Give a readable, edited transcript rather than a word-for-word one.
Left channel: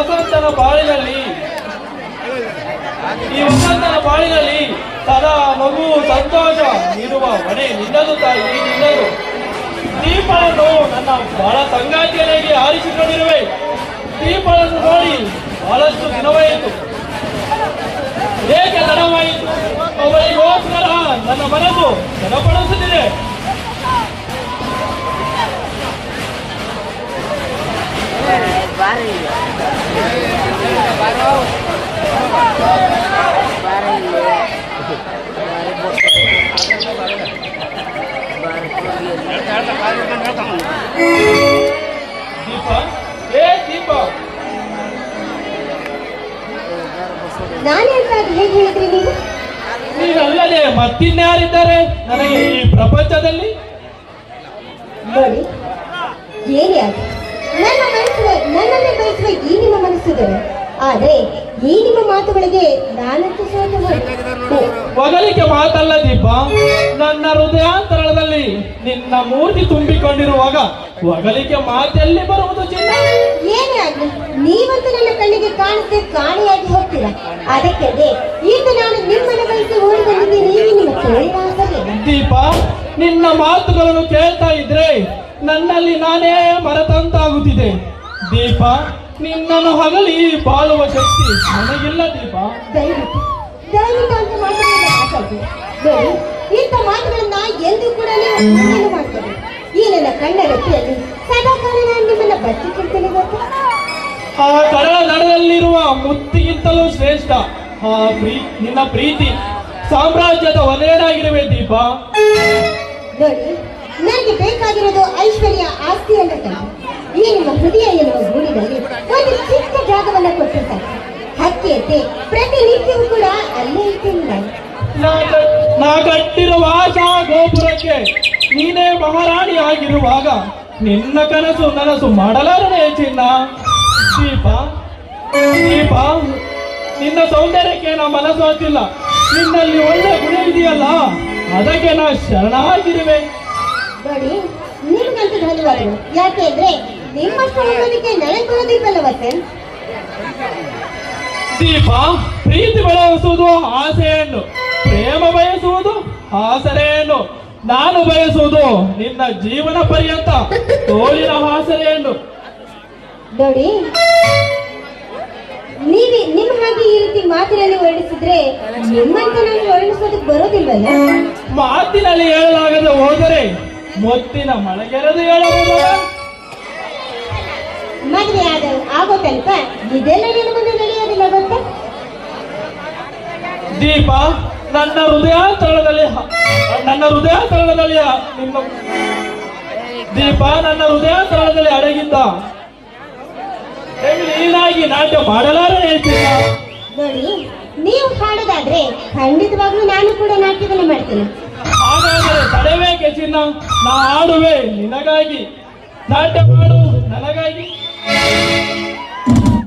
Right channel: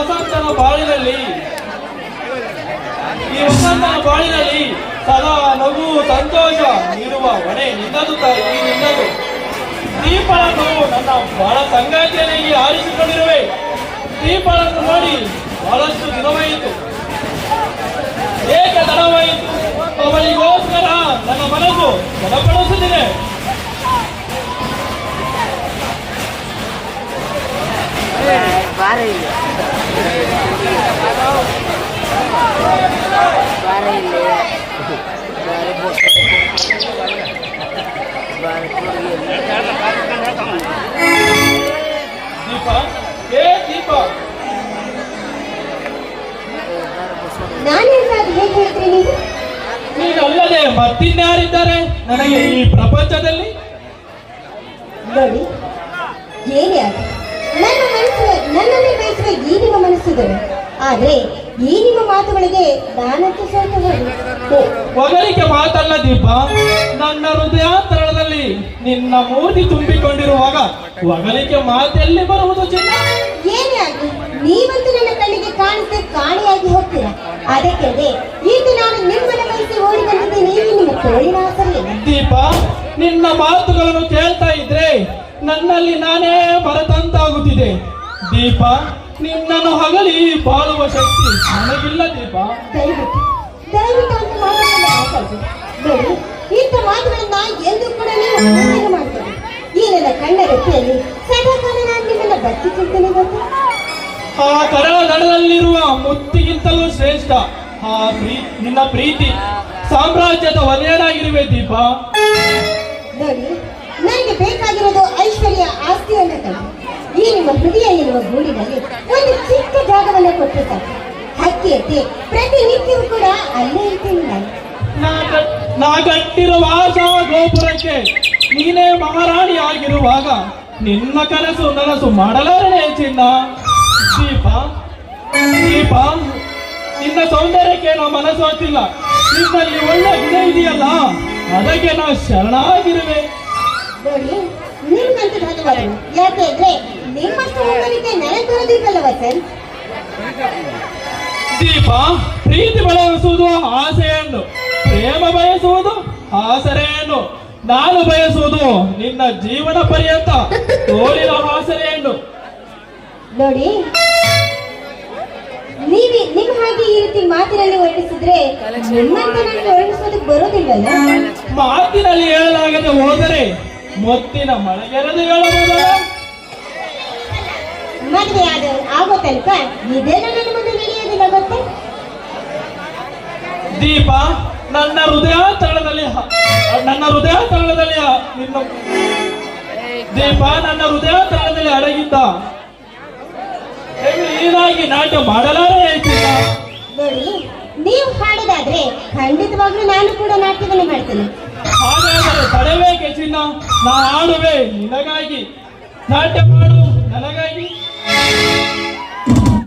ವಸಂತನ ಬಾಳಿನಲ್ಲಿ ಸದಾ ನಗು ಸಂತೋಷ ನೀಡುವ ಮನೆ ನಿನ್ನದು ತಾಯಿ ನಿನ್ನದು. ದೀಪವನ್ನು ನನ್ನ ಬಹಳ ಸಂಗಾತಿಯಲ್ಲಿ ಆರಿಸಿಕೊಂಡಿರುವೆ. ದೀಪವನ್ನು ನೋಡಿ ಬಹಳಷ್ಟು ದಿನವಾಯಿತು, ಏಕೆ ತಡವಾಯಿತು? ಅವಳಿಗೋಸ್ಕರ ನನ್ನ ಮನಸ್ಸು ಬಲಪಡಿಸುತ್ತಿದೆ. ನೀನಲ್ಲದೆ ಮತ್ತಿನ್ಯಾರಿದ್ದಾರೆ ನನಗೆ ಈ ಪ್ರಪಂಚದಲ್ಲಿ? ನೋಡಿ, ಹೇಗೆ ನನ್ನ ಮನಸ್ಸು ನನ್ನನ್ನೇ ಬಯಸುವ ಈ ನಿಮ್ಮ ಮನಸ್ಸುಗಳು, ಆದ್ರೆ ಈ ನಿಮ್ಮ ಮಾತುಗಳಿಗೆ ನಾನಂತೂ ಮೊದಲಿಗೆ ಮಾತಲ್ಲ ದೀಪ. ನನ್ನ ಹೃದಯಾಂತರದಲ್ಲಿ ನಿನ್ನ ಮೂರ್ತಿ ತುಂಬಿಕೊಂಡಿರುವಾಗ ಒಗಲಿಕೆ ಮಾತೆಲ್ಲಿ ಬರುವುದು ಚಿನ್ನ? ಏನೇ ಆಗಲಿ ನೀವಂತೂ ನನ್ನ ಕಣ್ಣಿಗೆ ಕಾಣಿಸಿ ಕಾಣಿಯಾಗಿ ಹೋಗ್ತೀರಾ. ಅದಕ್ಕೆ ಈಗ ನಾನು ನಿಮ್ಮನ್ನು ಕಳಿಸಿ ಓಡಿ ಬಂದಿದ್ದೆ, ನೀವು ನಿಮ್ಮ ತೋಳಿನ ದೀಪ. ನಿನ್ನ ಮಾತುಗಳನ್ನು ಕೇಳ್ತಾ ಇದ್ರೆ ನನ್ನಲ್ಲಿ ನಾನೇ ಮರೆತಂತಾಗುತ್ತಿದೆ ದೀಪ. ನಿನ್ನನ್ನು ಹಗಲಿ ಬಾಳುವ ಶಕ್ತಿ ನನಗಿಲ್ಲ ದೀಪ. ದಯವಿಟ್ಟು ಅಂತ ಮಾತಾಡಿ. ಇಂಥ ಮಾತುಗಳನ್ನ ಎಂದು ಕೂಡ ನೀವು ಮಾಡ್ತಾರೆ. ಈ ನನ್ನ ಕಣ್ಣ ರೆಪ್ಪೆಯಲ್ಲಿ ಸದಾಕಾಲ ನಾನು ನಿಮ್ಮನ್ನ ಬಚ್ಚಿಟ್ಟಿರ್ತೇನೆ. ಆ ಕಡಲ ದಡದಲ್ಲಿರುವ ಮುತ್ತಿಗಿಂತಲೂ ಶ್ರೇಷ್ಠ ನಿನ್ನ ಪ್ರೀತಿ ಸಾಮ್ರಾಜ್ಯದ ಒಲೆಯನಾಗಿರುವೆ ದೀಪ. ನೋಡಿ, ನನಗೆ ಬೇಕಾಗಿರೋದು ಐಶ್ವರ್ಯ, ಆಸ್ತಿ ಅಲ್ಲ. ಈ ನಿಮ್ಮ ಹೃದಯ ಎನ್ನುವ ಗೂಡಿನಲ್ಲಿ ಒಂದು ಚಿಕ್ಕ ಜಾಗವನ್ನು ಕೊಟ್ಟಿದ್ದಾರೆ. ಹಕ್ಕಿಯಂತೆ ಪ್ರತಿನಿತ್ಯವೂ ಕೂಡ ಅಲ್ಲೇ ಇರ್ತೀನಿ. ನಾ ಕಟ್ಟಿರುವ ಆಶಾ ಗೋಪುರಕ್ಕೆ ನೀನೇ ಮಹಾರಾಣಿಯಾಗಿರುವಾಗ ನಿನ್ನ ಕನಸು ನನಸು ಮಾಡಲಾರನೆ ಚಿನ್ನ. ದೀಪ ದೀಪ, ನಿನ್ನ ಸೌಂದರ್ಯಕ್ಕೆ ನಾ ಮನಸ್ಸೋತಿಲ್ಲ. ನಿನ್ನಲ್ಲಿ ಒಳ್ಳೆ ಗುಣ ಇದೆಯಲ್ಲ, ಅದಕ್ಕೆ ನಾ ಶರಣಾಗಿರುವೆ. ನೋಡಿ, ನಿಮ್ಗಂತೂ ಧನ್ಯವಾದಗಳು. ಯಾಕೆಂದ್ರೆ ನಿಮ್ಮಷ್ಟು ಹೊಂದಾಣಿಕೆ ನನಗೆ ಬರೋದಿಲ್ಲವಲ್ಲ ವಸಂತ್. ದೀಪ, ಪ್ರೀತಿ ಬಯಸುವುದು ಆಸೆಯನ್ನು, ಪ್ರೇಮ ಬಯಸುವುದು ಆಸರೆಯನ್ನು, ನಾನು ಬಯಸುವುದು ನಿನ್ನ ಜೀವನ ಪರ್ಯಂತ ತೋಳಿನ ಆಸರೆಯನ್ನು. ನೋಡಿ, ನಿಮ್ಮ ಹಾಗೆ ಈ ರೀತಿ ಮಾತಿನಲ್ಲಿ ವರ್ಣಿಸಿದ್ರೆ ನಿಮ್ಮಂತೆ ನಾನು ವರ್ಣಿಸೋದಕ್ಕೆ ಬರೋದಿಲ್ವಲ್ಲ. ಮಾತಿನಲ್ಲಿ ಹೇಳಲಾಗದೆ ಹೋದರೆ ಮೊತ್ತಿನ ಮಳೆಗೆರೆದು ಹೇಳಬಹುದು. ಮದುವೆ ಆಗೋ ತನಕ ಇದೆಲ್ಲ ನನ್ನ ಮುಂದೆ ನಡೆಯೋದಿಲ್ಲ ಮತ್ತೆ. ದೀಪ, ನನ್ನ ಹೃದಯಾಂತರದಲ್ಲಿ ನಿನ್ನ ದೀಪ, ನನ್ನ ಹೃದಯಾಂತರದಲ್ಲಿ ಅಡಗಿದ್ದ ನೀನಾಗಿ ನಾಟ್ಯ ಮಾಡಲಾರೇ. ನೋಡಿ, ನೀವು ಹಾಡೋದಾದ್ರೆ ಖಂಡಿತವಾಗ್ಲೂ ನಾನು ಕೂಡ ನಾಟ್ಯವನ್ನು ಮಾಡ್ತೇನೆ. ಹಾಗಾದರೆ ತಡಬೇಕೆ ಚಿನ್ನ, ನಾನು ಆಡುವೆ ನಿನಗಾಗಿ, ನಾಟ್ಯ ಮಾಡು ನನಗಾಗಿ.